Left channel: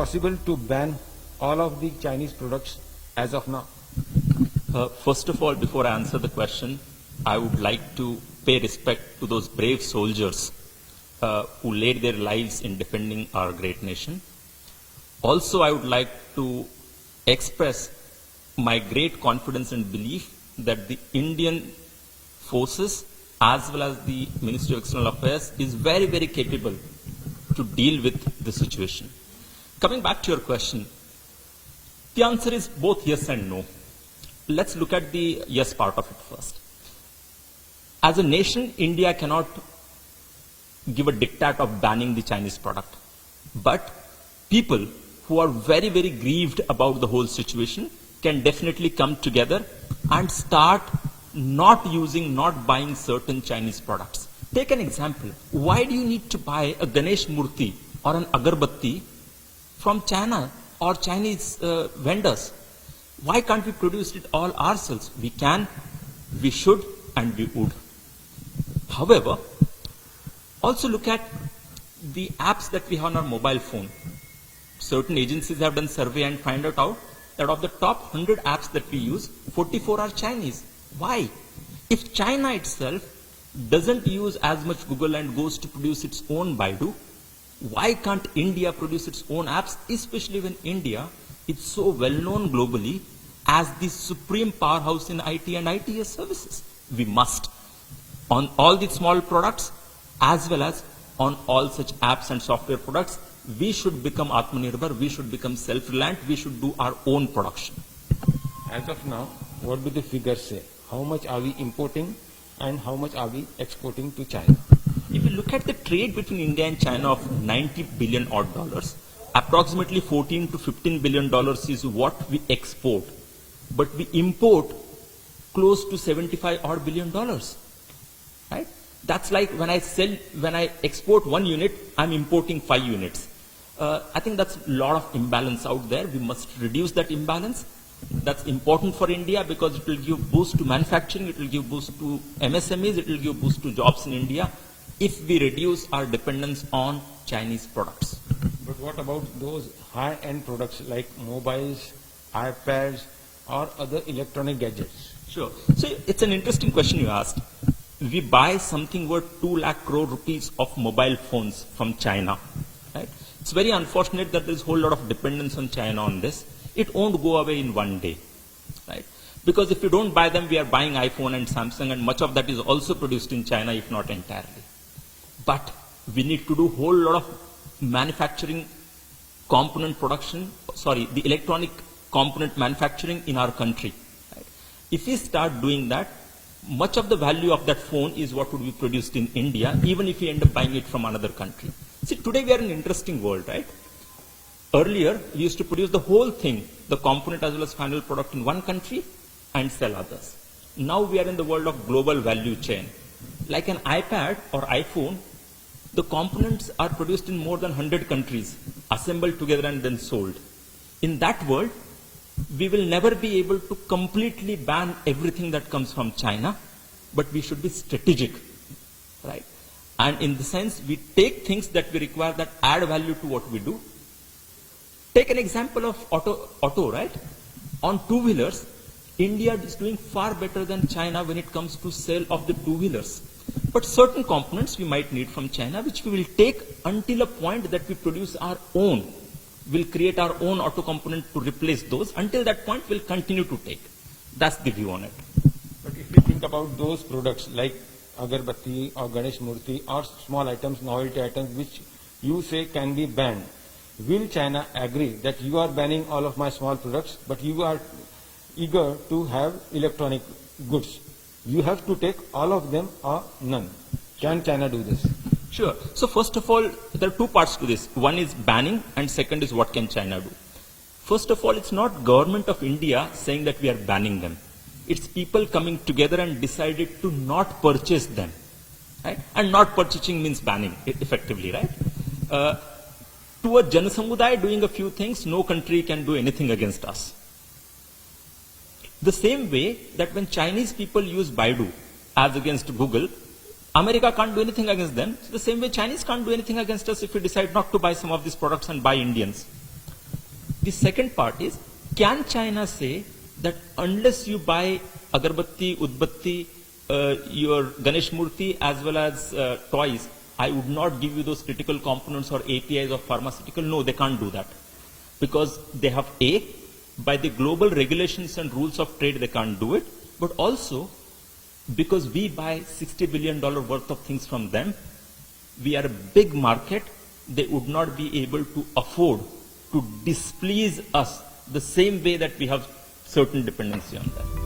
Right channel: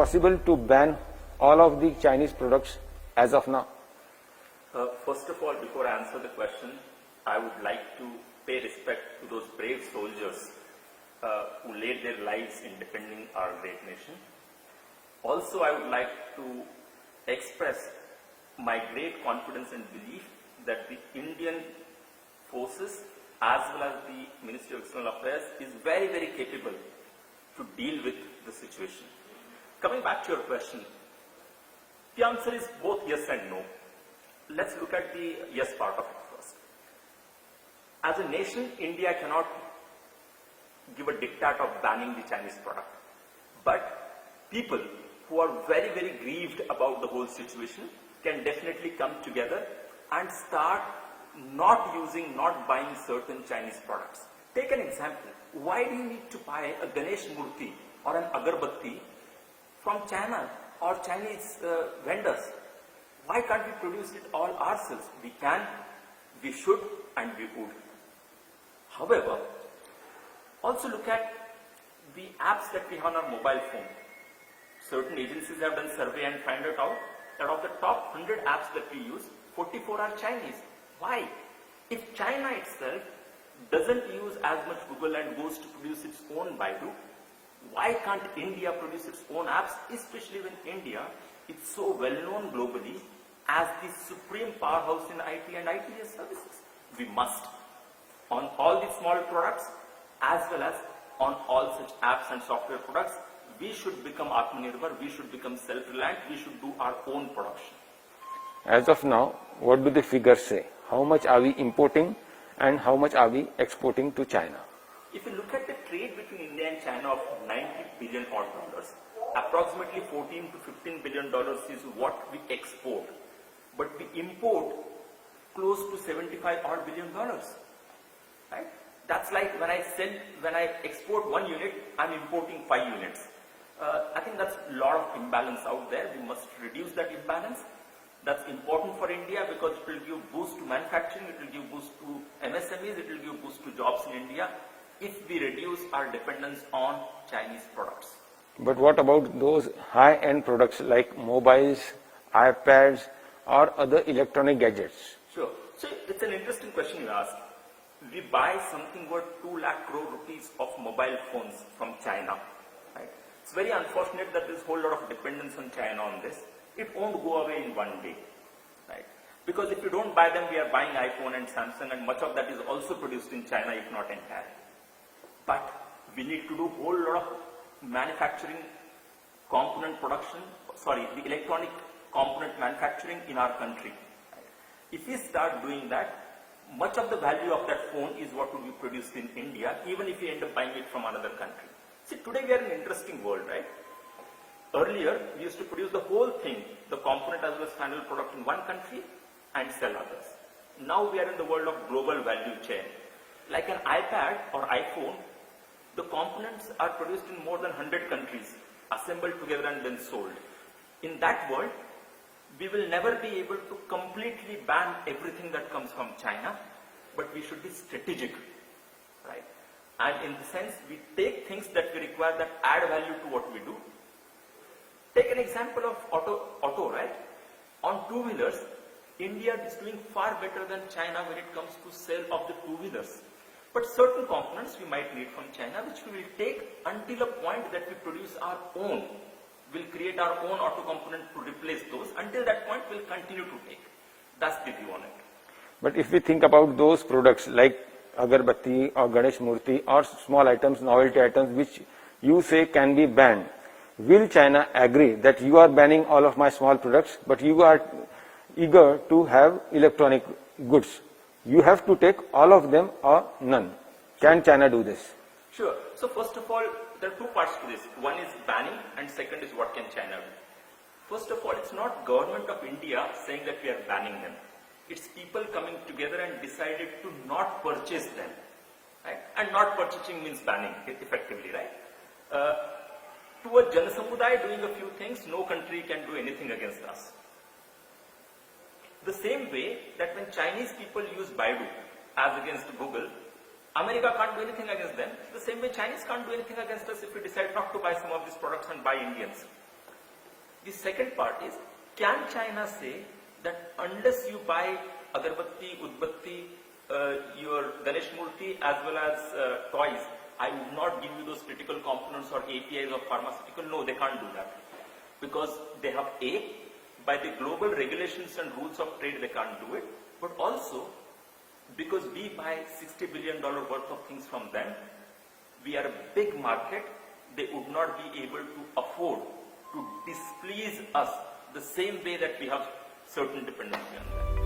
possible to ban all of the Chinese products as of now? First of all, before I answer the question, I would like to pay respect to those brave soldiers who laid their lives in defending our great nation. Also, I would like to express my great confidence and belief that the Indian forces as well as the Ministry of External Affairs is very, very capable to deal with the situation. Coming back to your question, the answer is both yes and no. Let's look at the yes part of it first. As a nation, India cannot give a diktat of banning the Chinese product. But people who are very, very grieved about the whole situation can definitely come together and start not buying certain Chinese products. Take an example. Why do you need to buy a Ganesh Murti or an agarbatti from China or Chinese vendors? Why can't we produce it all ourselves? We can, we should, and we would. However, also look at the apps that we have on our mobile phone. Certain agencies have done survey and find out that of the top 100 apps that we use, 44 are Chinese. Why? If China itself doesn't use as much Google and goes to produce its own Baidu, why can't India produce its own apps, especially when India is so well known globally as the supreme powerhouse in IT and ITS services? We must. On all the small products as well as on all such apps and software products, we should become Atmanirbhar, we should become self-reliant, we should do our own production. As of now, what do the figures say? How much are we importing and how much are we exporting to China? If you look at the trade between India and China of 90 billion odd dollars, approximately 14 to 15 billion dollars is what we export. But we import close to 75 odd billion dollars. Right? That's like when I export 1 unit, I'm importing 5 units. I think that's a lot of imbalance out there. We must reduce that imbalance. That's important for India because it will give boost to manufacturing, it will give boost to MSMEs, it will give boost to jobs in India if we reduce our dependence on Chinese products. But what about those high-end products like mobiles, iPads, or other electronic gadgets? Sure. So it's an interesting question you asked. We buy something worth 2 lakh crore rupees of mobile phones from China. Right? It's very unfortunate that there's a whole lot of dependence on China on this. It won't go away in one day. Right? Because if you don't buy them, we are buying iPhone and Samsung, and much of that is also produced in China, if not entirely. But we need to do a whole lot of manufacturing component production, the electronic component manufacturing in our country. Right? If we start doing that, much of the value of that phone is what would be produced in India, even if we end up buying it from another country. See, today we are in an interesting world, right? Earlier, we used to produce the whole thing, the component as well as final product in one country and sell others. Now we are in the world of global value chain. Like an iPad or iPhone, the components are produced in more than 100 countries, assembled together and then sold. In that world, we will never be able to completely ban everything that comes from China, but we should be strategic, right? And in the sense, we take things that we require that add value to what we do. Take an example of auto, right? On two-wheelers, India is doing far better than China when it comes to sale of the two-wheelers. But certain components we might need from China, which we will take until a point that we produce our own. We'll create our own auto component to replace those. Until that point, we'll continue to take. That's the view on it. But if we think about those products like agarbatti or Ganesh Murti or small items, novelty items, which you say can be banned, will China agree that you are banning all of my small products, but you are eager to have electronic goods? You have to take all of them or none. Can China do this? Sure. So first of all, there are two parts to this. One is banning and second is what can China do. First of all, it's not government of India saying that we are banning them. It's people coming together and decided to not purchase them. Right? And not purchasing means banning, effectively, right? To a Janasamudaya doing a few things, no country can do anything against us. The same way that when Chinese people use Baidu as against Google, America can't do anything against them. The same way Chinese can't do anything against us if we decide not to buy some of these products and buy Indians. The second part is, can China say that unless you buy agarbatti, udbatti, your Ganesh Murthy as well as toys, I would not give you those critical components or APIs of pharmaceutical? No, they can't do that. Because they have by the global regulations and rules of trade, they can't do it. But also, because we buy $60 billion worth of things from them, we are a big market, they would not be able to afford to displease us the same way that we have certain dependency on them.